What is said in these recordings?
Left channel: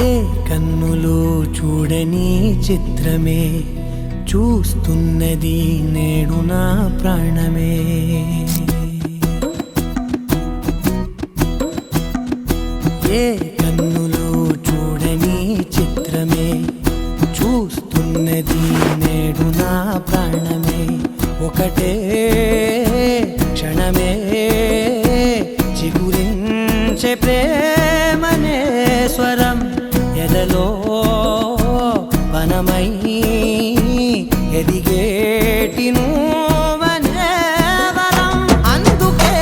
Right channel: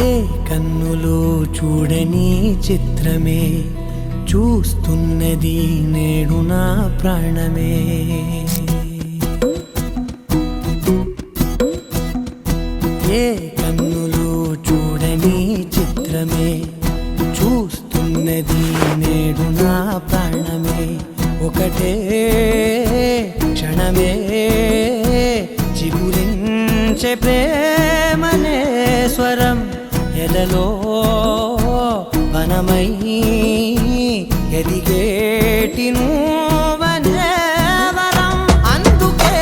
ఏ కన్నులు చూడని చిత్రమే చూస్తున్నది నేడు నా ప్రాణమే. ఏ కన్నులు చూడని చిత్రమే చూస్తున్నది నేడు నా ప్రాణమే. ఒకటే క్షణమే చిగురించే ప్రేమనే స్వరం ఎదలో వనమై ఎదిగేటి నువ్వనే వరం. అందుకే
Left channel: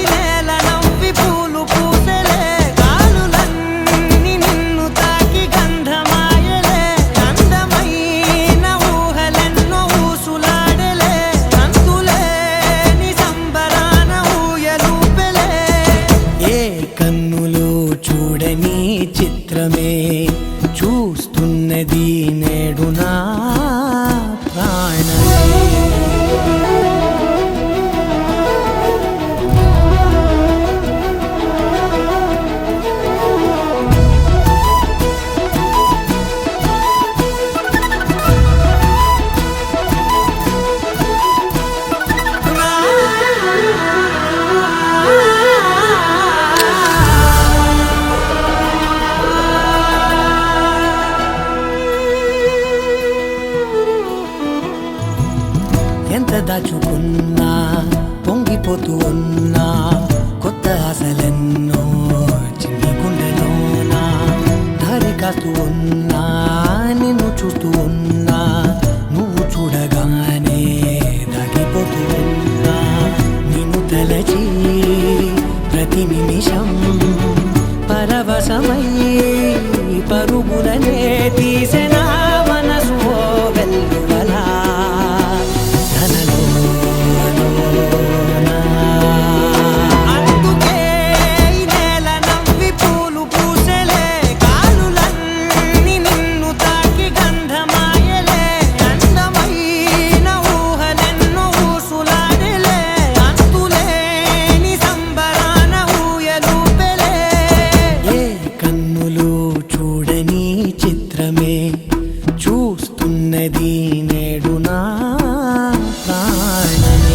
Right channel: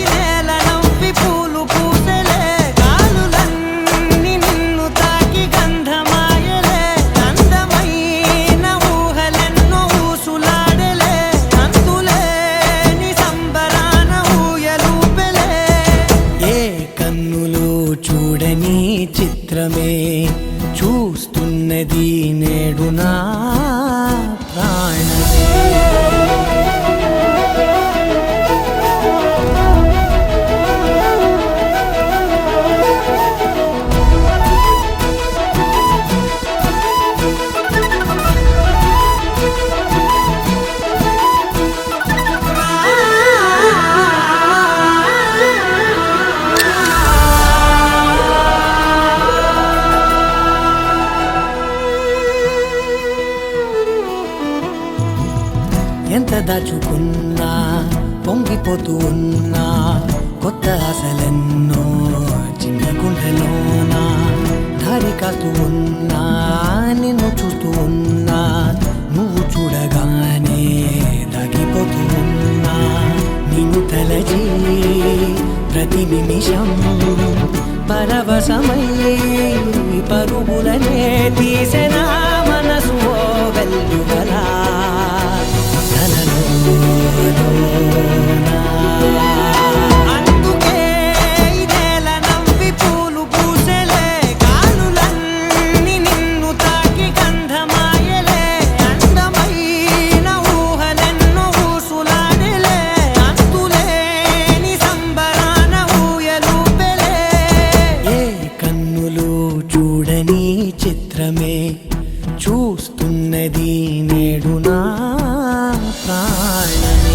ఈ నేల నవ్వి పూలు పూసెలే, గాలులన్నీ నిన్ను తాకి గంధమాయలే. అందమైన ఊహలెన్నో ఊసులాడలే, అంతులేని సంబరాన ఊయలూపెలే. ఏ కన్నులు చూడని చిత్రమే చూస్తున్నది నేడు నా ప్రాణమే. ఎంత దాచుకున్నా పొంగిపోతూ ఉన్నా, కొత్త ఆశలెన్నో చిన్ని గుండెలోనా. దారి కాస్తూ ఉన్నా, నిన్ను చూస్తూ ఉన్నా, నువ్వు చూడగానే దాగిపోతూ ఉన్నా. నిన్ను తలచి ప్రతి నిమిషం పరవశమై పరుగులనే తీసెనా మనసు ఓ వెల్లువలా. అందుకే ఈ నేల నవ్వి పూలు పూసెలే, గాలులన్నీ నిన్ను తాకి గంధమాయలే. అందమైన ఊహలెన్నో ఊసులాడలే, అంతులేని సంబరాన ఊయలూపెలే. ఏ కన్నులు చూడని చిత్రమే చూస్తున్నది నేడు నా ప్రాణమే.